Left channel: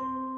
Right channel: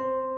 you